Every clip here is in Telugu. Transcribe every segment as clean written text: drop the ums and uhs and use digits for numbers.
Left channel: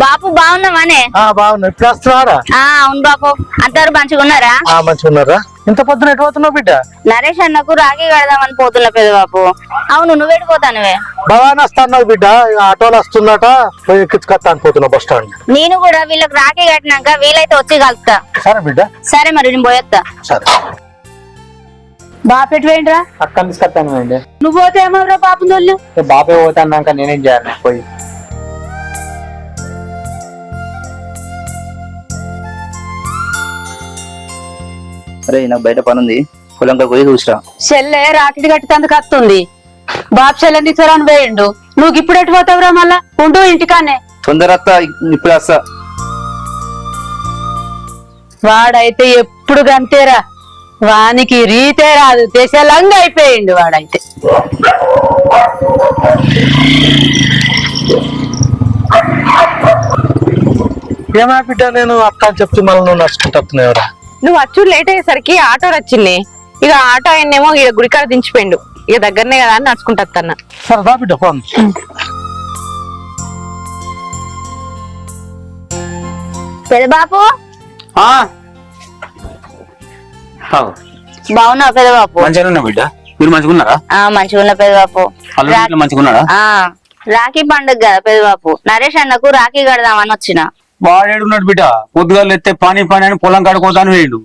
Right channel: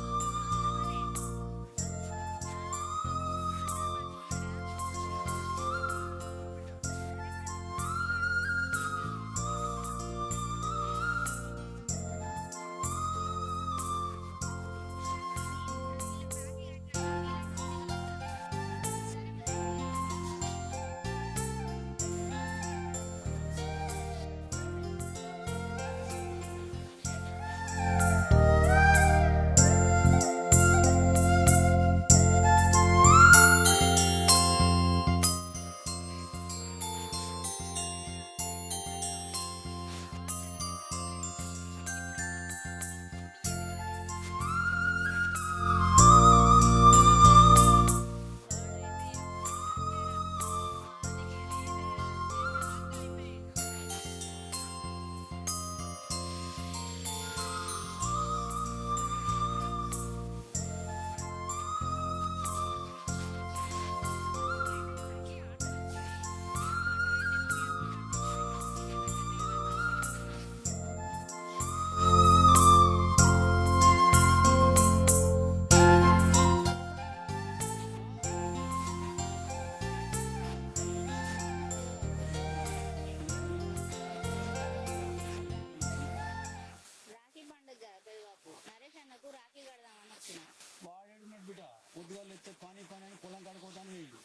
బాపు బాగున్నావానే? బాగున్నా. ఇప్పుడు వస్తున్నారా? అవును బాపు. అందరు మంచిగా ఉన్నారా? మంచిగా ఉన్నారా? ఇంత పొద్దున ఎటు పోతున్నావు బిడ్డ? నరేష్ అన్నకు రాఖీ కడదామని పోతున్నా పెద్ద బాపు. అవును, నువ్వెడిపోతానువే? భవాని వస్తున్నావు బిడ్డ, ఆటోలు వస్తుందట, పోయి ఎక్కించుకొస్తా అనిపోతున్నా బస్ స్టాండ్. నేను కూడా వీళ్ళకి రాఖీ కట్టినాక వీలైతే వచ్చి కలుపుతా. సరే బిడ్డ. సరే మరి నేను పోయేస్తా. సరే. బాపు ఎటు పోయిండ్రా? అక్కని తీసుకొస్తాను అండి. నువ్వు పోతే ఏమవరా బాపు నోళ్ళు? బాపే పోతాన్నాక నేనేం చేయాలి పోయి? అరే నాకు బయట పని ఉంది, పొలంకి పోయి చూసిరా. చెల్లె రాకెట్ కట్టినందుకు వస్తుంది. బాబు చెల్లెని తీసుకురాని పోయిండు. నువ్వు ఇప్పుడు ఎటు పోతావురా? మళ్ళా ఉండు ఇంటికానే. తొందర వస్తా, ఇప్పుడు వస్తా. వాడైతే ఎప్పుడు గంతేరా, వానికి రీతే రాదు, దేశాలంగా అయిపోయిండు వాడైతే. ఏమా బిడ్డ, నేను అక్క అని చెప్తే మళ్ళీ నువ్వు నడుచుకుంటున్నావురా? నువ్వు అచ్చుడు లేట్ అయ్యేసరికి ఆటో వచ్చింది. ఇక ఆటో ఆయన్నేమో ఇక గుడికాడ దించిపోయిండు. ఇక దగ్గరనే కదా అని నడుచుకుంటా. సరే రా బిడ్డ, ఫోన్. పెద్ద బాపు బాగున్నావు పెద్ద బాపు? మంచిగా ఉన్నా బిడ్డ, మీరు మంచిగా ఉన్నారా? మంచిగా ఉన్నా పెద్ద బాపు. మంచిగా ఉన్నారా? రాఖీ పండుగ కదా పెద్ద బాపు, నరేష్ అన్నకు రాఖీ కడదామని వచ్చిన. వాడేడున్నాడు బిడ్డ, పొద్దుగాలు ఎత్తే పని అని పొలం కడుకోతాను వేయండు.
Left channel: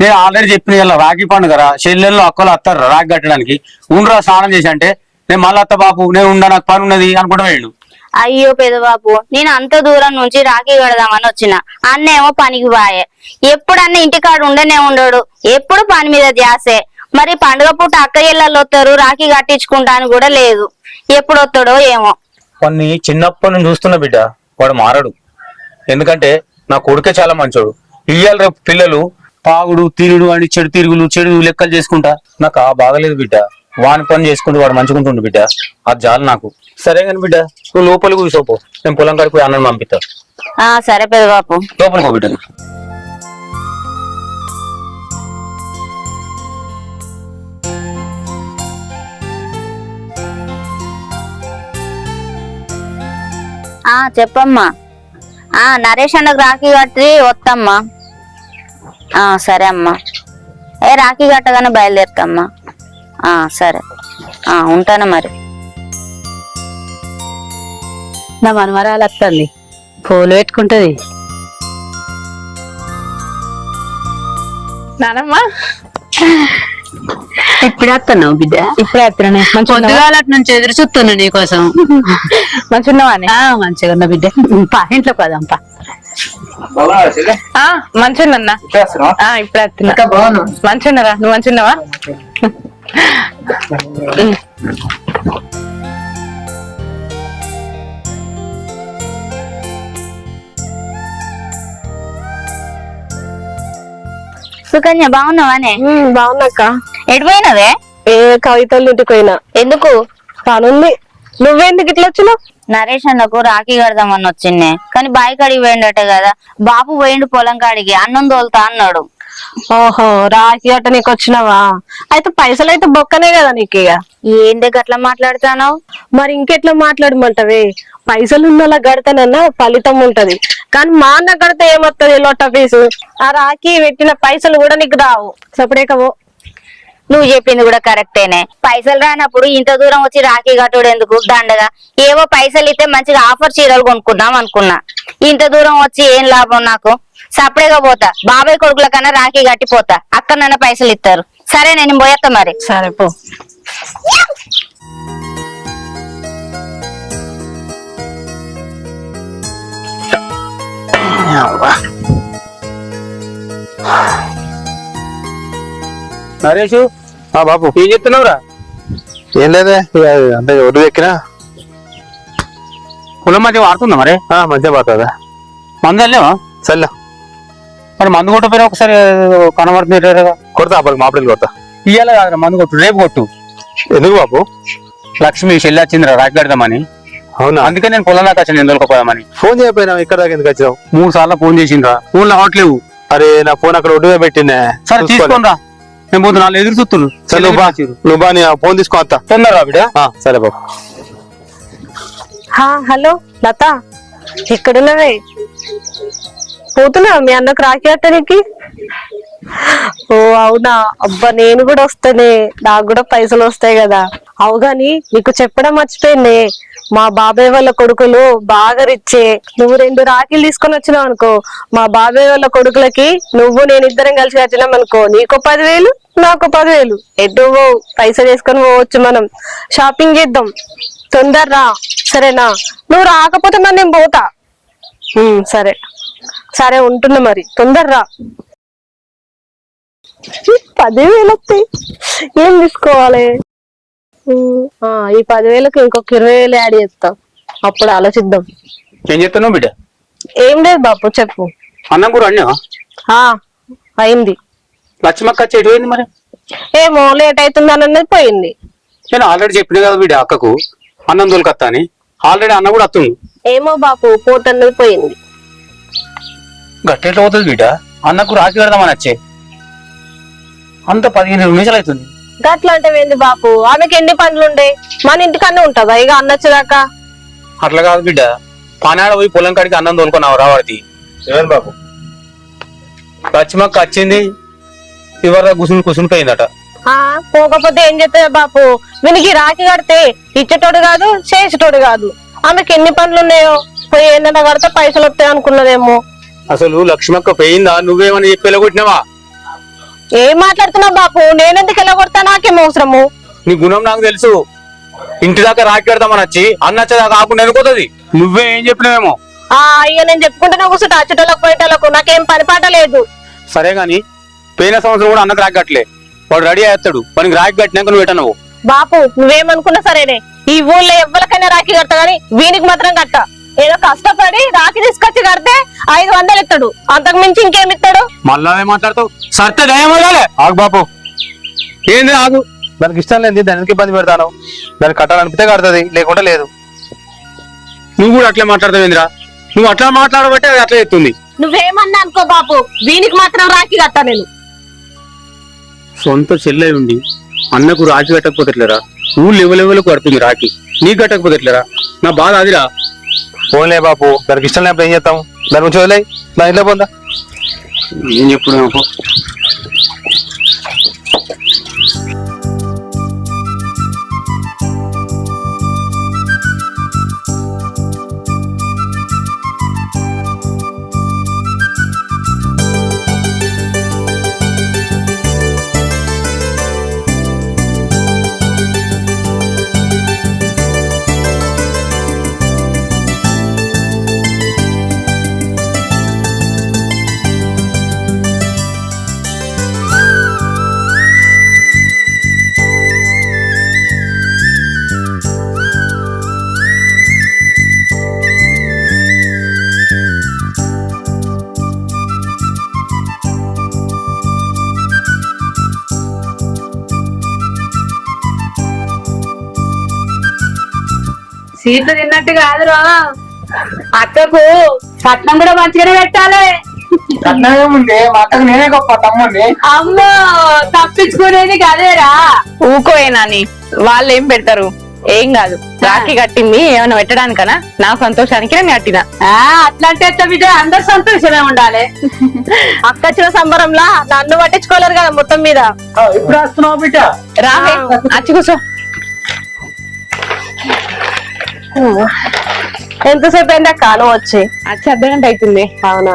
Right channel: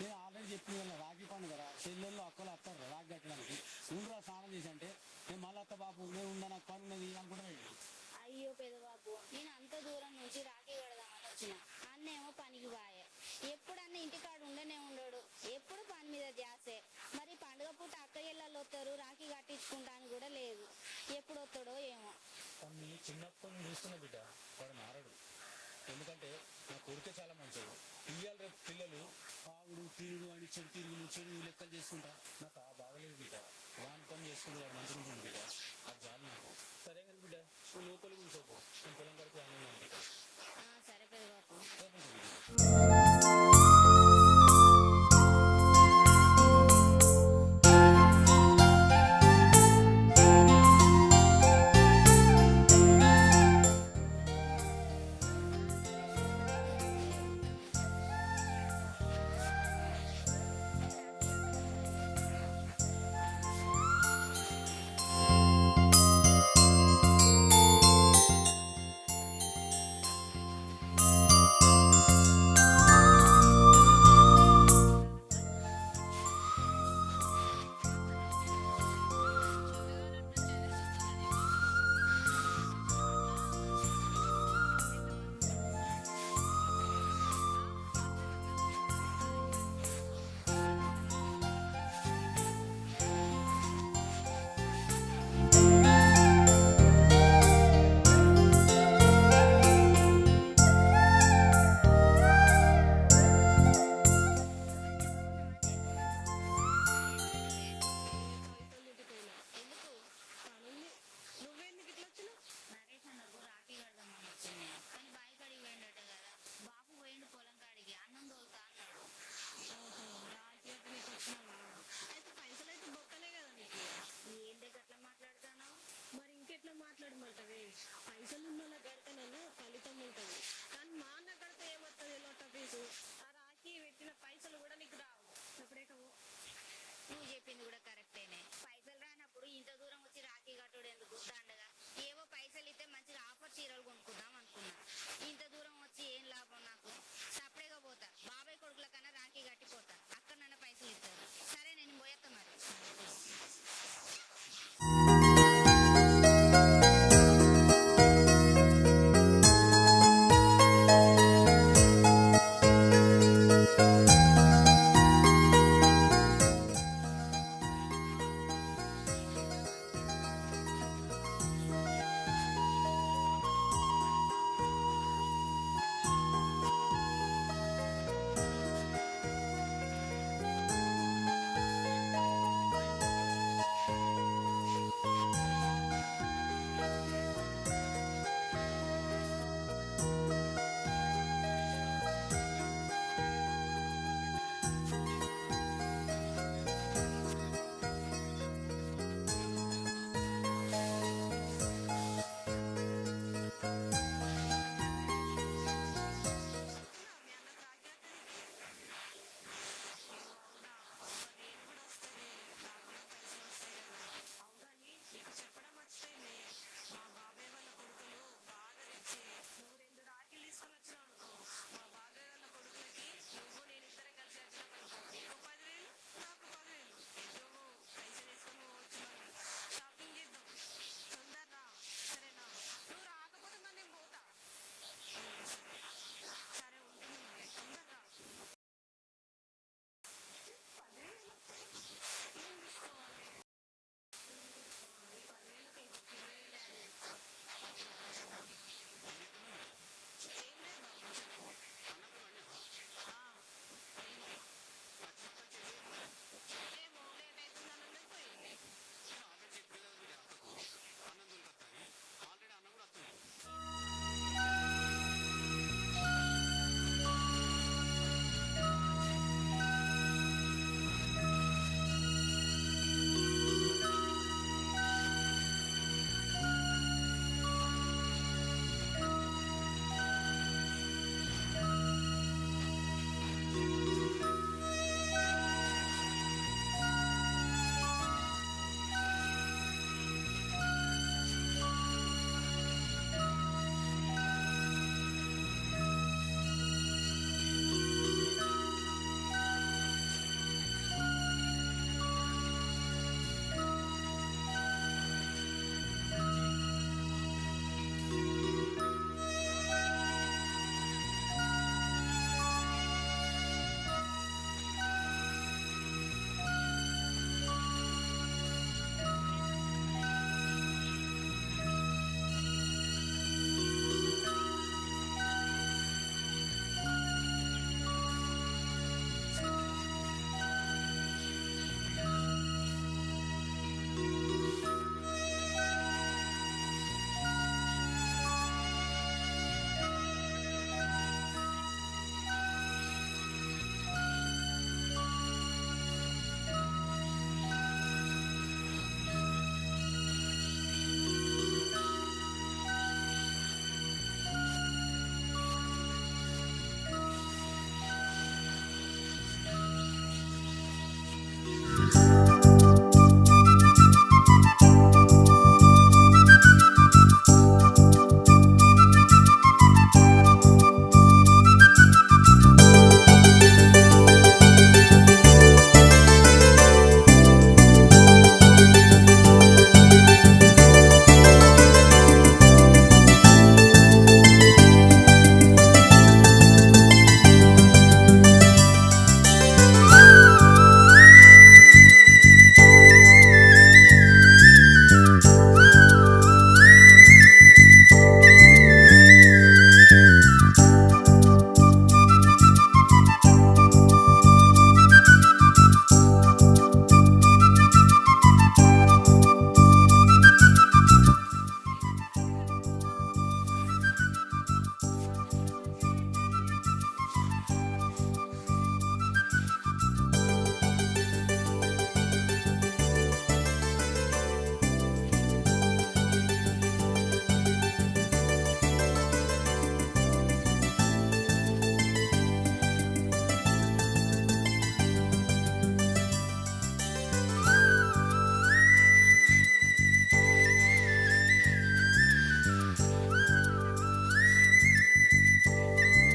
నేను ఆల్రెడీ చెప్పిన ఇలా రాఖీ పండుగరా, చెల్లెళ్ళు అక్కలు వస్తారు రాఖీ కట్టడానికి. ఉండరా స్నానం చేసి అంటే, నేను మళ్ళీ అత్త బాపు నేను ఉండా, నాకు పని ఉన్నది అనుకుంటా వేయండు. అయ్యో పెద్ద బాపు, నేను అంత దూరం నుంచి రాఖీ కడదామని వచ్చిన. అన్నేమో పనికి బాయే, ఎప్పుడన్నా ఇంటికాడు ఉండనే ఉండడు, ఎప్పుడు పని మీద ధ్యాసే. మరి పండుగ పూట అక్క ఇళ్ళల్లో వస్తారు, రాఖీ కట్టించుకుంటాను కూడా లేదు. ఎప్పుడు వస్తాడో ఏమో. కొన్ని చిన్నప్పటి నుంచి చూస్తున్నా బిడ్డ, వాడు మారడు. ఎందుకంటే నా కొడుకే చాలా మంచోడు. ఇయ్యాల రేపు పిల్లలు తాగుడు తిరుగుడు అని చెడు తిరుగులు చెడు లెక్కలు చేసుకుంటా. నాకు బాగలేదు బిడ్డ, వాని పని చేసుకుంటూ వాడు మంచుకుంటుండు బిడ్డ, అది చాలు నాకు. సరే కానీ బిడ్డ, నువ్వు లోపలికి కూర్చోపో, నేను పొలం కాడికి పోయి అన్నం పంపిస్తా. సరే పెద్ద బాపు. లోపలికి పో బిడ్డ. చెప్పమ్మా. నరేష్ అన్నకు రాఖీ కట్టి వస్తమ్మా. సరే అమ్మా. రాఖీ కట్టగానే బయలుదేరుతామ్మా. సరే, ఉంటాను మరి. నా మనమరాలు వస్తుంది, పూలు పెట్టుకుంటది. నానమ్మ ఇప్పుడు వస్తున్నావు బిడ్డ? ఇప్పుడే వస్తున్నానే. పొద్దుగాల నుంచి ఎదురు చూస్తున్నా నీకోసం. మంచిగున్నావానే? మంచిగా ఉన్నా బిడ్డ. పా ఇంట్లో పదంపా. మంచిగున్నా. ఇప్పుడే వస్తున్నా. మంచిగున్నారా? నువ్వు మంచిగున్నావా? సుకన్య బాగున్నావానే? బాగున్నాక. ఎటు పోయినవే? కవితలు ఇంటికి పోయినా. ఎందుకు? పనుంది. నువ్వెందుకు ఇట్లా వచ్చినావు? నరేష్ అన్నకు రాఖీ కడదామని వచ్చిండే, కానీ బాయి కాడికి పోయిండట కదా. బాపు పోయిండు పొలం కాడికి, అన్నం తోలుతా అన్నాడు. ఓహో, రాఖీ గట్ట నీకు వచ్చినావా? అయితే పైసలు అయితే బొక్కనే కదా నీకు. ఇక ఏందే గట్లా మాట్లాడుతాను? మరి ఇంకెట్లా మాట్లాడమంటావే? పైసలు ఉన్న గడతానన్నా ఫలితం ఉంటది, కానీ మా అన్న గడితే ఏమొత్తది లొట్ట ఫీజు. ఆ రాఖీ పెట్టిన పైసలు కూడా నీకు రావు. సపడేకవో. నువ్వు చెప్పింది కూడా కరెక్టేనే. పైసలు రానప్పుడు ఇంత దూరం వచ్చి రాఖీ కట్టుడు ఎందుకు దండగా? ఏవో పైసలు ఇస్తే మంచిగా ఆఫర్ చీరలు కొనుక్కుందాం అనుకున్నా. ఇంత దూరం వచ్చి ఏం లాభం నాకు? సపరేగా పోతా, బాబాయ్ కొడుకుల కన్నా రాఖీ కట్టిపోతా, అక్కడన్నా పైసలు ఇస్తారు. సరే నేను పోయేస్తా మరి. సరే పో. నరేషు బాబు ఏం చెప్తున్నావురా? ఏం లేదే, అంటే ఒడ్డు ఎక్కినా. పొలం మధ్య వాడుతుందా మరి? మంచిగా పోతుందా? మందు వెళ్ళావా? చల్ల మరి మందు కొట్టపోయినా ఒకసారి కనబడుతుంది. కొడతా అప్పటికి మాపిల్లి కొడతా. ఇయ్యాల కాదురా మందు కొట్టు, రేపు కొట్టు. ఎందుకు బాబు? లక్ష్మి చెల్లి వచ్చిందిరా రాఖీ కడదామని. అవునా? అందుకే నేను పొలం దాకా వచ్చాను, నేను దొరకపోదామని. ఫోన్ చేయకపోయినా ఇక్కడ దాకా ఎందుకు వచ్చినావు? 3 సార్లు ఫోన్ చేసిండ్రా, ఫోన్లు అవ్వట్లేవు. అరే నా ఫోన్ అక్కడ ఒడ్డుగా పెట్టినే. సరే తీసుకోనరా, నేను పోతున్నా, వాళ్ళు ఎదురు చూస్తున్నారు. సరే నువ్వు బా, నీ ఫోన్ తీసుకో వస్తా. తొందరరా బిడ్డ. సరే బాబు. హలో లత, ఎక్కడున్నవే? పోతున్నా మీ అన్నకు రాఖీ కట్టడానికి? ఓ అవునా, అబ్బా నేను కూడా వస్తానే, నాకు కూడా పైసలు వస్తాయి కదా. అవు గాని నీకు చెప్పడం మర్చిపోయింది, మా బాబాయ్ వాళ్ళ కొడుకులు బాగా రిచ్చే. నువ్వు 2 రాఖీలు తీసుకొని వచ్చినావు అనుకో, మా బాబాయ్ వాళ్ళ కొడుకులకి నువ్వు నేను ఇద్దరం కలిసి కట్టినాం అనుకో, నీకు 10,000 నాకు 10,000. ఎటు పైసలు వేసుకొని పోవచ్చు, మనం షాపింగ్ చేద్దాం. తొందరరా సరేనా? నువ్వు రాకపోతే మరి నేను పోతా. సరే సరే ఉంటున్నా, మరి తొందరరా. 10,000 వస్తాయి, ఏం తీసుకోవాలి? ఈ 10,000కి ఇంకొక 20,000 యాడ్ చేస్తాం, అప్పుడు ఆలోచిద్దాం. ఏం చెప్తున్నావు బిడ్డ? ఏం లేదు బాపు, చెప్పు. అన్నం కూడా అన్నా అయింది. లక్ష్మక్క వచ్చి ఎటు పోయింది మరి? ఏమో లేట్ అవుతుందని అన్నది పోయింది. నేను ఆల్రెడీ చెప్పిన కదా బిడ్డ అక్కకు అన్నం దొరకత్తా అని. ఆల్రెడీ అన్న కూడా వస్తుంది. ఏమో బాపు పోతన్నది పోయింది. గట్టెట్లో పోతుంది బిడ్డ, అన్నకు రాఖీ పెడదామని వచ్చే అంత 15 నిమిషాలు అవుతుంది. గట్లా అంటే ఏంది బాపు, ఆమెకి ఎన్ని పనులు ఉండే, మన ఇంటికన్నా ఉంటుందా ఇక అన్నొచ్చేదాకా? అట్లా కాదు బిడ్డ, పనాడ పోయి పొలం కాడికి అన్నం తోలుకున్నావు రావాడికి. ఏమని బాబు? లక్ష్మక్క వచ్చింది, ఇవర కుసుని పోయిందట. పోకపోతే ఏం చేస్తా బాపు, వీనికి రాఖీ కడితే ఇచ్చేటోడు కాదు చేసేటోడు కాదు. ఆమెకి ఎన్ని పనులు ఉన్నాయో, పోయి ఏంటంటే కడితే పైసలు వస్తాయి అనుకున్నదేమో. అసలు లక్ష్మక్క పోయిందా, నువ్వేమని చెప్పి వెళ్ళగొట్టినావా? ఏం మాట్లాడుతున్నావు బాపు, నేనెందుకు వెళ్ళగొడతా, నాకేం అవసరము? నీ గుణం నాకు తెలుసు. ఇంటి దాకా రాఖీ పెడతామని వచ్చి అన్నచ్చేదాకా ఆకుండా అనుకోతుంది. నువ్వే ఏం చెప్పినావేమో. ఇక నేను చెప్పుకుంటున్నా కూర్చుంటా, అచ్చుటోళ్ళకు పోయేటోళ్ళకు నాకేం పని పాట లేదు. సరే గాని పోయిన సంవత్సరం కూడా అన్నకు రాఖీ కట్టలే, వాడు రెడీ అయ్యాడు. మనకి రాఖీ కట్టినాక నువ్వు పెట్టనవు. బాపు నువ్వేమనుకున్నా సరేనే, ఈ ఊళ్ళో ఎవరికైనా రాఖీ కడతా గానీ వీనికి మాత్రం కట్ట. ఏదో కష్టపడి రాఖీ తీసుకొచ్చి కడితే 500 ఇస్తాడు, అంతకు మించి ఇంకేమి ఇస్తాడు? మళ్ళా మాట్లాడుతావు. సర్తే దయమలే ఆగు బాపు, ఏంది ఆగు. దానికి ఇష్టం లేదు, దానికి ఇబ్బంది పెడతాను. దానికి కట్టాలనిపితే కడుతుంది, లేకుంటే లేదు. నువ్వు కూడా అట్లే మాట్లాడతావు ఏందిరా? నువ్వు అట్లా మాట్లాడబట్టే అది అట్లా చెప్తుంది. నువ్వేమన్నా అనుకో బాపు, వీనికి మాత్రం రాఖీ కట్టా నేను. సొంత చెల్లె ఉండి అన్నకు రాఖీ కట్టకపోతే ఎట్లరా? ఊళ్ళు ఎవరెవరికి కడుతుంది రాఖీ, నీకు కట్టకపోతే ఎట్లరా? నా బాధ అదిరా. పోన్లే బాపు, దానికి ఇష్టం లేకపోతే ఏం చేస్తాం? దాని గురించి వదిలే, నా ఇంట్లో పోందా. ఏం చెప్పుడు సీట్లు తిన్నట్టు కాదురా, అక్కకు కట్నం కూడా మంచిగానే పెట్టాలి. కట్నమేముంది, మా అక్కకు నేనే గొప్ప తమ్ముండి. అమ్మో తప్పించుకునేది కదేరా. ఊకోయేనాని వాళ్ళు ఏం పెడతారు, ఏం కాదు. రాఖీ కట్టింది ఏమైనా పెట్టడానికనా? నా సంతోషానికి నేను కట్టినా. అట్లాంటి బిడ్డ అందరు సంతోషమే ఉండాలి. అక్క వచ్చిన సంబరంలా నన్ను పట్టించుకోలేరు కదా మొత్తం మీద. ఇప్పుడు వస్తున్నావు బిడ్డ? రావే అచ్చి కూర్చో. ఎంతసేపు అయిందా కాలం వచ్చి? అచ్చి అర్ధగంట అవుతుంది. అవునా?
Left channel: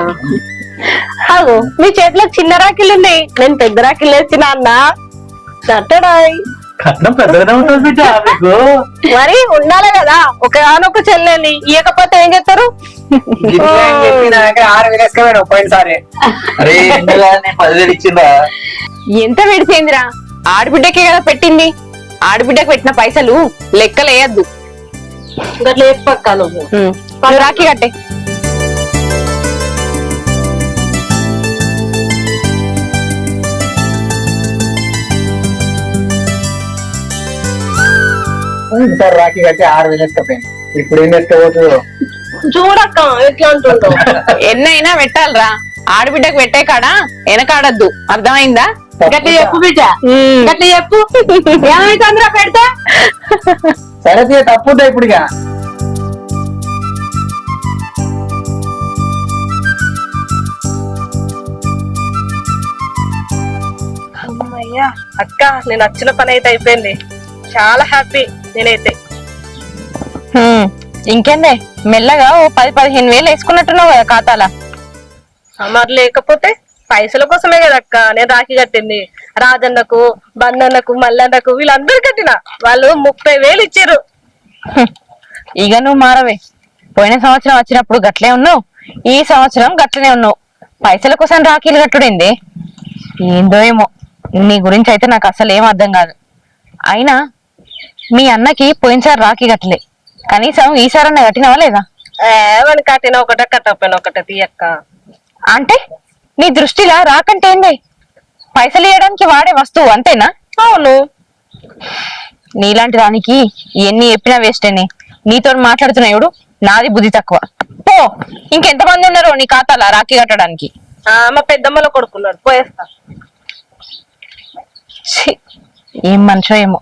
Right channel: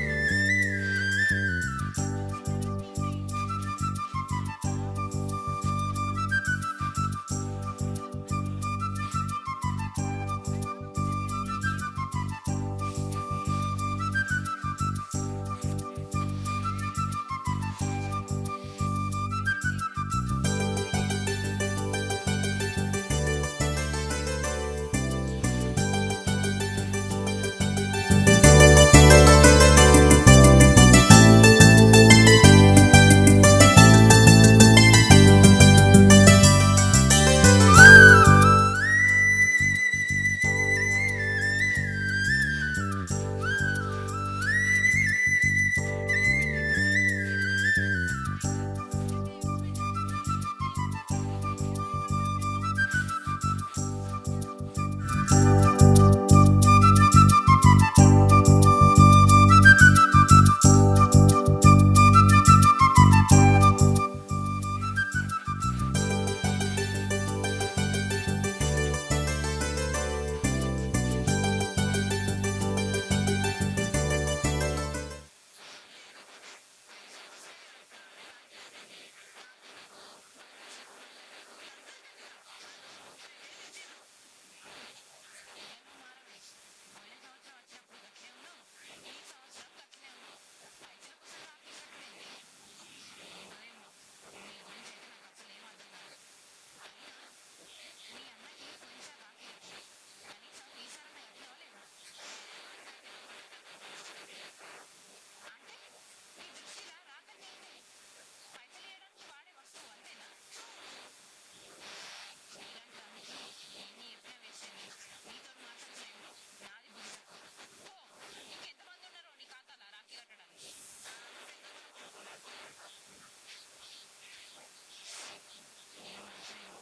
అవు మీ చేతిలో చిన్న రాఖీలు ఉన్నాయి, నేను పెద్ద రాఖీలు వేసిన అన్న కట్టడాయ్. కట్నం పెద్దగానే ఉంటుంది బిడ్డ మీకు. మరి ఉండాలి కదా, ఒకనొక చెల్లెని ఇవ్వకపోతే ఏం చేస్తారు? 6,000 వేసుకోవాలి పోయినసారి. అరే 10,000 ఇచ్చిందా? ఎంత విడిచేందిరా, ఆడబిడ్డకే కదా పెట్టింది. ఆడబిడ్డకు పెట్టిన పైసలు లెక్కలేయద్దు. గట్ల చెప్పక్క నువ్వు. నువ్వు రాఖీ కట్టే. రాఖీ కట్టి 6,000 వేసుకపోయింది. ఇప్పుడు ఏం వేసుకోవచ్చు? చూడక్క ఎట్లా అంటుండో. ఎన్నైనా పెట్టాలరా, ఆడబిడ్డకు పెట్టే కాడ వెనకాడద్దు, అర్థమైందా? గట్ల చెప్పు బిడ్డ, గట్ల చెప్పు. ఏమైతుందిరా పెడతా? సరే తప్పుతా ఇప్పుడు. ఇక అమ్మయ్యా అక్క నేను వచ్చిన పని అయితే అయిపోయింది. చాలా హ్యాపీ నేనైతే. ఇంకేందే మెల్లగా ఓ 10-15 వేలు వేసుకున్నట్టున్నావు కదా ఖాతాలా. మరి లేకపోతే పైసల కోసమే కదా అక్క నేను రాఖీ కట్టింది. రాజన్నకు, బందన్నకు, మల్లన్నకు వీళ్ళందరూ కట్టిన. వాళ్ళు 30,000 ఇచ్చారు. ఇక నువ్వు మారవే. పోయిన సంవత్సరం వచ్చినప్పుడు గట్లే ఉన్నావు, ఈ సంవత్సరం గట్లనే ఉన్నావు. పైసల కోసం రాఖీలు కట్టుడేంది? ఏందో ఏమో నీ గురించి అయితే నాకు అసలు ఏం అర్థం కాదు. అయినా మీ అన్నకి పోయినసారి రాఖీ కట్టలే, కనీసం ఈసారన్నా కట్టినవా లేదా? ఏమని కట్టిన ఒకటే కట్టకపోయినా ఒకటే తీయక్క. అంటే నీ దృష్టిలా రాకంటే ఏంది? పైసలు ఇవ్వడానికి వాడే వస్తువు అంతేనా? అవును. నీలాంటి దానికి ఎన్ని చెప్పినా వేస్టేనే. నీతో మాట్లాడుతున్నాయుడు నాది బుద్ధి తక్కువ. పో, ఇంకెంతమంది ఉన్నారో నీ ఖాతాలా రాఖీ కట్టడానికి? మా పెద్దమ్మలో కొడుకున్నాడు, పోయేస్తా. ఛీ, ఏం మనిషో ఏమో.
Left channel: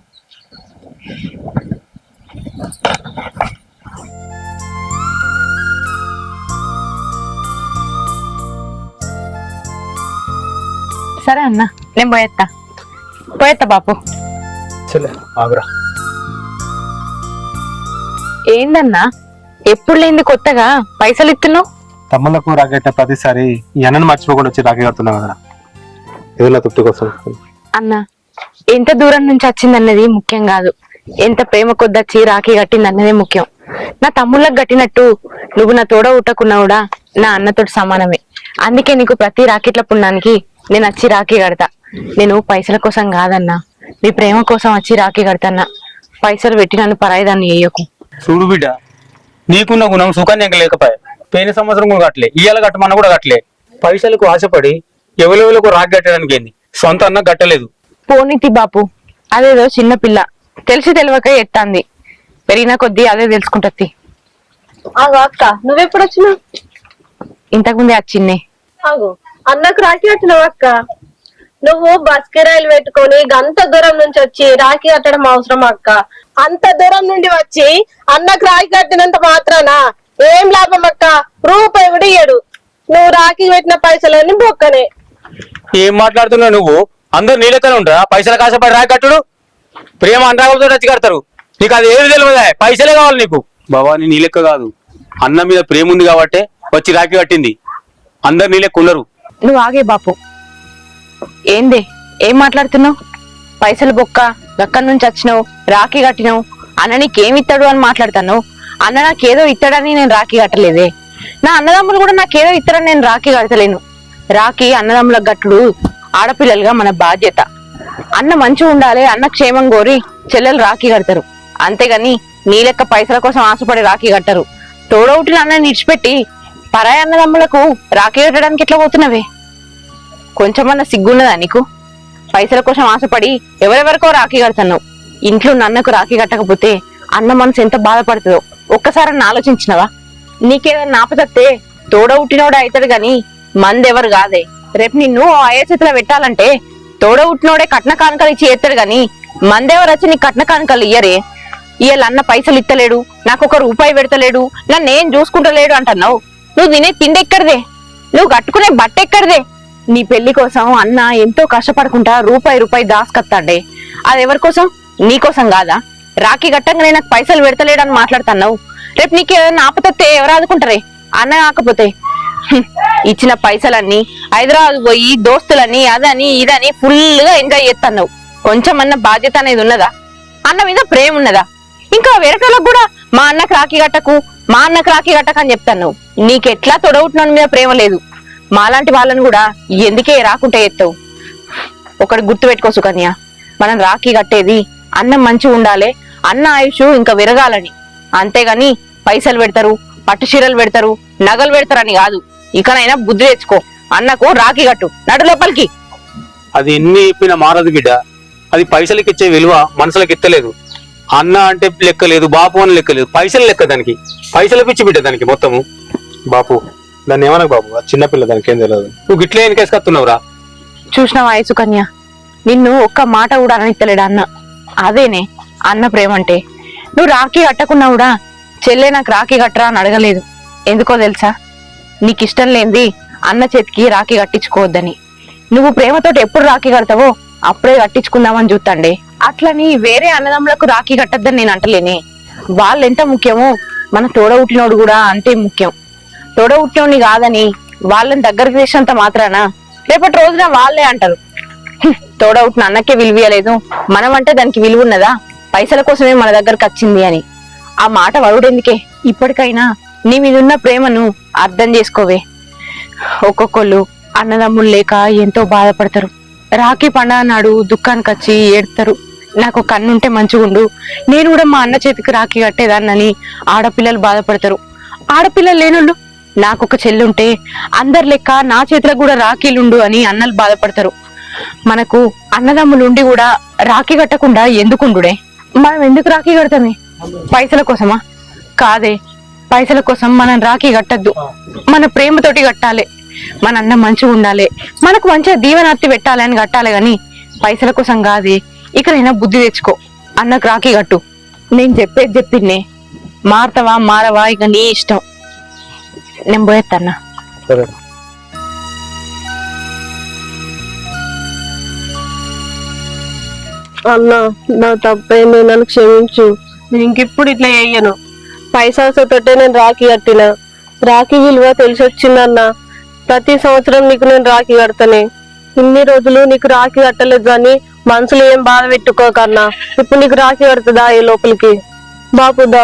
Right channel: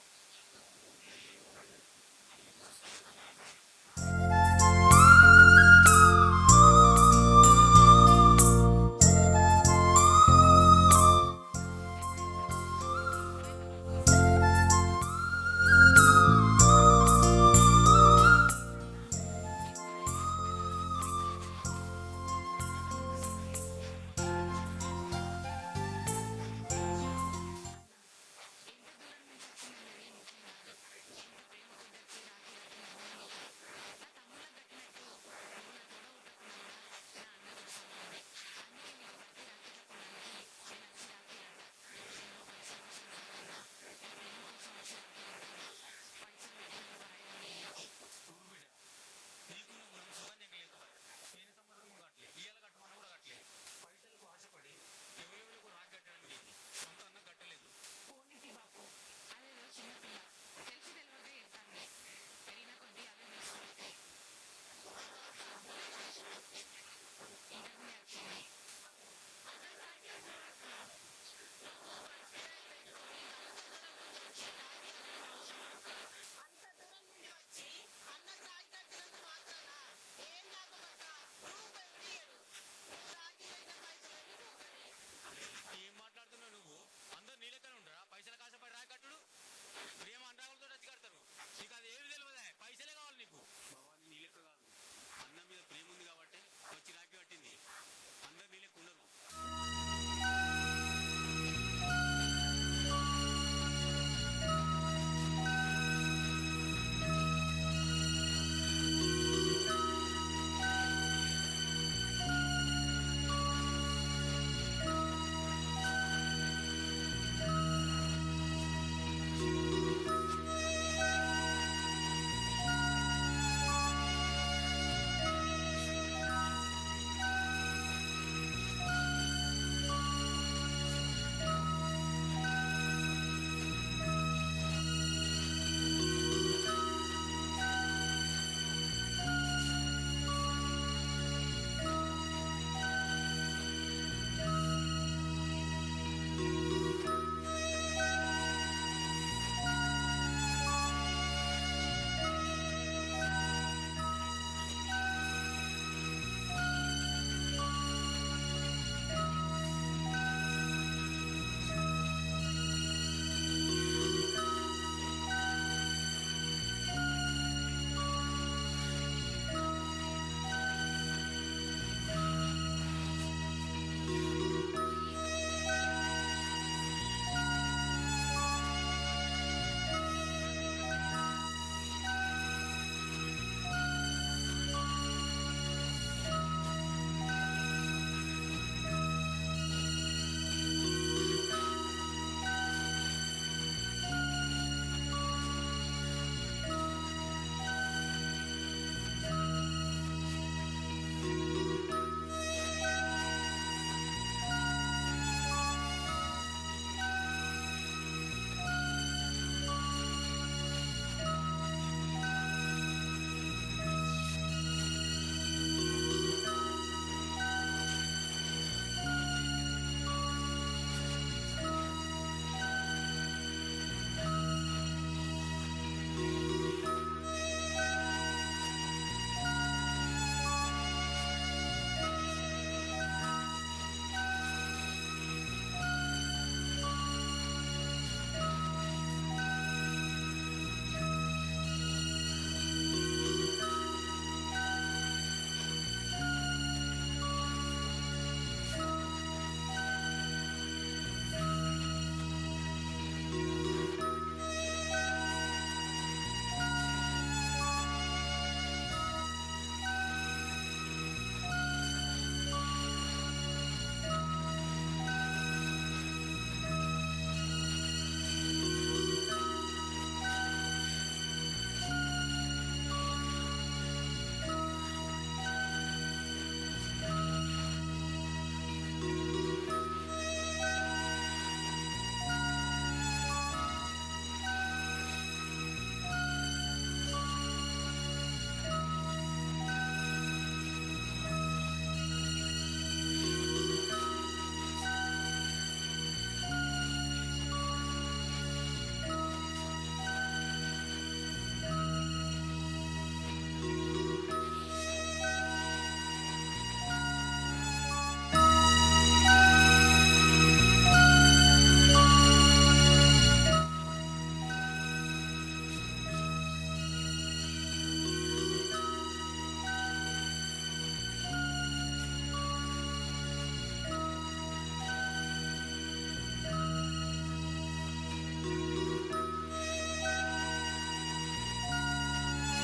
సరే అన్న, నేను పోయేత్తా బాపు. చెల్లె ఆగురా. ఏందన్నా ఎప్పుడు లేంది కొత్తగా పైసలు ఇస్తున్నావు? తమ్ముళ్ళకు రాకెట్ట ప్రతిసారి ఈ అన్నను మర్చిపోకుండా వచ్చి రాఖీ కడుతున్నావు కదా, ఏదో తృప్తి కోసం. అన్న, ఎంత దూరం నుంచి వచ్చిందన్నది ముఖ్యం కాదు, ఎంత ప్రేమ కొద్దొచ్చి రాఖీ కట్టింది అన్నదే ముఖ్యం. నా తమ్ముళ్ళకి కట్టినట్టు నువ్వు నా తోడ ఉట్టకున్నా కూడా నా అన్నతోటి సమానమే. అందుకే నీకు ప్రతి రాకెట్ల పుణ్యానికి నేను వచ్చి రాఖీ కడతా. నేను పైసల కోసం కాదన్నా, నీ ప్రేమ కోసం వచ్చి రాఖీ కడతాన్నా. పైసలు పెట్టి నన్ను పరాయిదాన్ని వేయకు. చూడు బిడ్డ, నీకున్న గుణం సుకన్యక లేకపోయా. పోయిన సంవత్సరం కూడా కట్టలే, ఇయ్యాల కట్టమన్న కూడా కట్టలే. పైసలకు ఆశపడి ఎవరెవరికి రాఖీ కట్టడానికి ఏంది, సొంత అన్న కట్టలేదు. పోనీతి బాపు, అదేదో చిన్న పిల్ల తెలిసి తెలియక ఎత్తాంది. పెరిగిన కొద్దీ అదే తెలుసుకుంటది. ఆగు అక్క, నువ్వెప్పుడు వచ్చినావు? ఇంతకుముందే వచ్చిందే. ఆగు, అన్నకు రాఖీ కట్టినావు అక్క? నువ్వు బస్ కిరాయిలు పెట్టుకొని అంత దూరం నుంచి వచ్చి రాఖీ కట్టడం అవసరం అక్క? అంత దూరం నుండి వచ్చి అన్నకు రాఖీ కట్టినంత మాత్రాన ఏం లాభం అక్క? రూపాయి కూడా ఇయ్యడు. నువ్వు రాఖీ పెట్టిన పైసలన్నీ బొక్కనే. ఏం మాట్లాడుతున్నావు నువ్వు? అందరు నీ లెక్కనే ఉంటారా? పైసలు కాసపడి రాఖీ కట్టుడు? ప్రేమ అనురాగంతో వచ్చి కడతారు. నీకు అది ఏమి తెలియదా? పైసలే కావాలి నీకు. భవాని నీ లెక్క కాదు, అన్న మీద ప్రేమ ఉంది కాబట్టే వచ్చి రాఖీ కట్టింది. అందరు నీ లెక్క ఉండరు. నువ్వు ఆగే బాపు. ఏందే ఏం మాట్లాడుతున్నావు? పైసలు బొక్క, అక్కడి నుంచి వచ్చినావు, రాఖీ కట్టినావు, అన్న నీకేమి ఇస్తాడు అని మాట్లాడుతాను. అన్న నాకేదో ఇస్తాడని నేను రాఖీ కట్టలేదే. నా అన్నదమ్ములు కూడా నాకేదో ఇస్తాడని నేను రాఖీ కడతలేను. రాఖీ అన్నదమ్ముల గట్టుడు ఆడపిల్లలుగా మన బాధ్యత. అన్న మంచిగా ఉండాలి, అన్న క్షేమం కోరి చెల్లెలు రాఖీ కడతారు. అంతేగాని నీ లెక్క పైసల కోసం ఆశపడి రాఖీ కట్టరు. తోడవుటిన అన్నని ఇడిచిపెట్టి పరాయి అన్నదమ్ములకు రాఖీ కట్టడానికి ఎట్లా పోతున్నావే? కొంచెమన్నా సిగ్గున్నదా నీకు? పైసల కోసం ఆశపడి ఎవరెవరికో రాఖీ కడుతున్నావు. ఇంట్లో నన్నకు రాఖీ కట్టకపోతే అన్న మనసు ఎంత బాధపడుతుందో ఒక్కసారి ఆలోచించినవా? నీకేదన్నా ఆపదత్తే తోడవుట్టినోడు అవుతాడు గాని మందెవరు కాదే. రేపు నిన్ను అయ్యేచేతిలో పెట్టాలంటే తోడవుట్టినోడే కట్న కానుకలు ఇచ్చి ఎత్తాడు గాని మందెవరు వచ్చి నీ కట్న కానుకలు ఇయ్యరే. ఇయ్యాల అన్న పైసలు ఇత్తలేడు, నాకు ఒక రూపాయి పెడతలేడు, నన్ను ఏం చూసుకుంటలేడు అంటున్నావు. నువ్వు తినే తిండి ఎక్కడిదే? నువ్వు కట్టుకునే బట్ట ఎక్కడిదే? నీ పెళ్లి కోసం అన్న ఎంతో కష్టపడుకుంటా రూపాయి దాసుకత్తాడే. అది ఎవరి కోసం? నీ కోసం కాదా? రాఖీ గట్టంగానే నాకు పైసలు పెడతలేడని మాట్లాడుతున్నావు. రేపు నీకు ఏదైనా ఆపతత్తే ఎవరు ఆదుకుంటారే? అన్న కాకపోతే ఇచ్చిన పైసలన్నీ హైదరాబాద్ పోయి దోస్తులని అదని ఇదని ఫుల్ గా ఎంజాయ్ చేస్తున్నావు. కొంచెం అన్న బాధ్యత అనేది ఉన్నదా? అన్న మీద ప్రేమ ఉన్నదా? ఇంకా వేరేటోళ్ళకు కూడా మా అన్నకు రాఖీ గట్టకు, మా అన్నకు రాఖీ గట్టకు అని చెప్తాను. నీకెట్లా తొడవుతున్న మీద ప్రేమ లేదు. మాలాంటి వాళ్ళని కూడా ఎందుకే రాకుంటే ఎత్తావు? ఒకటి గుర్తు పెట్టుకో సుకన్య, మనం రాఖీ కట్టేది అన్నం మంచిగా ఉండాలి, అన్న ఆయుష్ ఇంకా విరగాలని. అంతేగాని పైసలు పెడతారు, పట్టు చీరలు పెడతారు, నగలు పెడతారని కాదు. ఇకనైనా బుద్ధి తెచ్చుకో. అన్నకు రాఖీ కట్టు, నడు లోపలికి. అది ఎన్ని చెప్పినా మారదు బిడ్డ. అది పైసలకి ఇచ్చే విలువ మనసులకు ఎత్తలేదు. అన్న అంటే లెక్క లేదు, బాపు అని లెక్క లేదు, పైసలు లెక్క దానికి. పైసలు పిచ్చి బిడ్డ దానికి మొత్తము. బాపు దాన్ని ఏమనకు బాబు, చిన్నపిల్ల, దానికి ఏం తెలియదు. నువ్వు గిట్లే ఎన్నికేసుకొస్తున్నావురా? చూసినావా సుకన్య, నిన్ను ఒక్క మాట కూడా అననిత్తలేడు అన్న. అదేనే అన్న ప్రేమ అంటే. నువ్వు రాఖీ కట్టకున్నా కూడా చెల్లె నాకు రాఖీ కట్టరా అని అడగలేదు. ఎందుకో తెలుసా? నీకు ఇష్టం లేనిది అన్న చేతికి రాఖీ కట్టించుకోవద్దని. నువ్వు ప్రేమతోటి ఎప్పుడు రాఖీ కడతావో అప్పుడే కట్టించుకుందామని చూస్తాండే. అట్లని వేరే అన్నదమ్ములకు రాఖీ కట్టద్దని నేను అంటలేనే. వాళ్ళు ఎంత ముఖ్యమో మన తోడ పుట్టినోడు కూడా అంతే ముఖ్యం. తోడ పుట్టినోడిని కాదని వాళ్ళని దగ్గరకు చేసినంత మాత్రాన రేపటి రోజున వాళ్ళే అంటారు, తోడ పుట్టిన అన్నకే విలువలేదు, మనం అంటే దానికి విలువ ఉన్నదా, పైసల కోసమే మన దగ్గరకు వచ్చింది అని. ఆ మాట వరుడెందుకే? ఇప్పటికైనా నీ మీదున్న ప్రేమను అర్థం చేసుకోవే. ఒక్కొక్కళ్ళు అన్నదమ్ములు లేక ఎంతో బాధపడతారు. రాఖీ పండుగ నాడు దుఃఖానికి వచ్చి ఏడుతారు. నాకు కన్నుంటే మంచిగుండు, నేను కూడా మా అన్న చేతికి రాఖీ కట్టేదాన్నని ఆడపిల్లలు బాధపడతారు. ఆడపిల్లలు లేనోళ్ళు నాకొక చెల్లుంటే అందరి లెక్క నా చేతిలో కూడా రాఖీలుండు అని అన్నలు బాధపడతారు. మనకు అన్నదమ్ములు ఉండి కూడా రాఖీ కట్టకుండా ఎందుకుండుడే? మనం ఎందుకు రాఖీ కడతామే? పైసల కోసమా? కాదే, పైసల కోసం మనం రాఖీ కట్టద్దు. మన ప్రేమతోటి కట్టాలి. మన అన్న మంచిగా ఉండాలి, మనకు మంచిగా దీవెనార్తి పెట్టాలి అని కట్టాలి గాని పైసల కోసం కాదే. ఇకనైనా బుద్ధి తెచ్చుకో, అన్నకు రాఖీ కట్టు. నేను చెప్పేది చెప్పిందే, మారతావా మారవా ఇక నీ ఇష్టం. నేను పోయేత్తన్నా. సరే. అన్నా నా తప్పైంది, నన్ను క్షమించు. నేను ఇంకిప్పుడు ఇట్లా చెయ్యను. పైసాతోటే నేను రాఖీ కట్టిన. రాఖీ విలువ తెలిసి వచ్చిందన్నా. ప్రతి సంవత్సరం నీకు నేను రాఖీ కడతానే. ఇన్ని రోజులు నీకు రాఖీ కట్టలేదు కానీ మనసులో ఏం బాధ పెట్టుకోకన్నా. ఇప్పుడు నీకు రాఖీ కడుతుందా ఈ లోపలికి? బాపుదా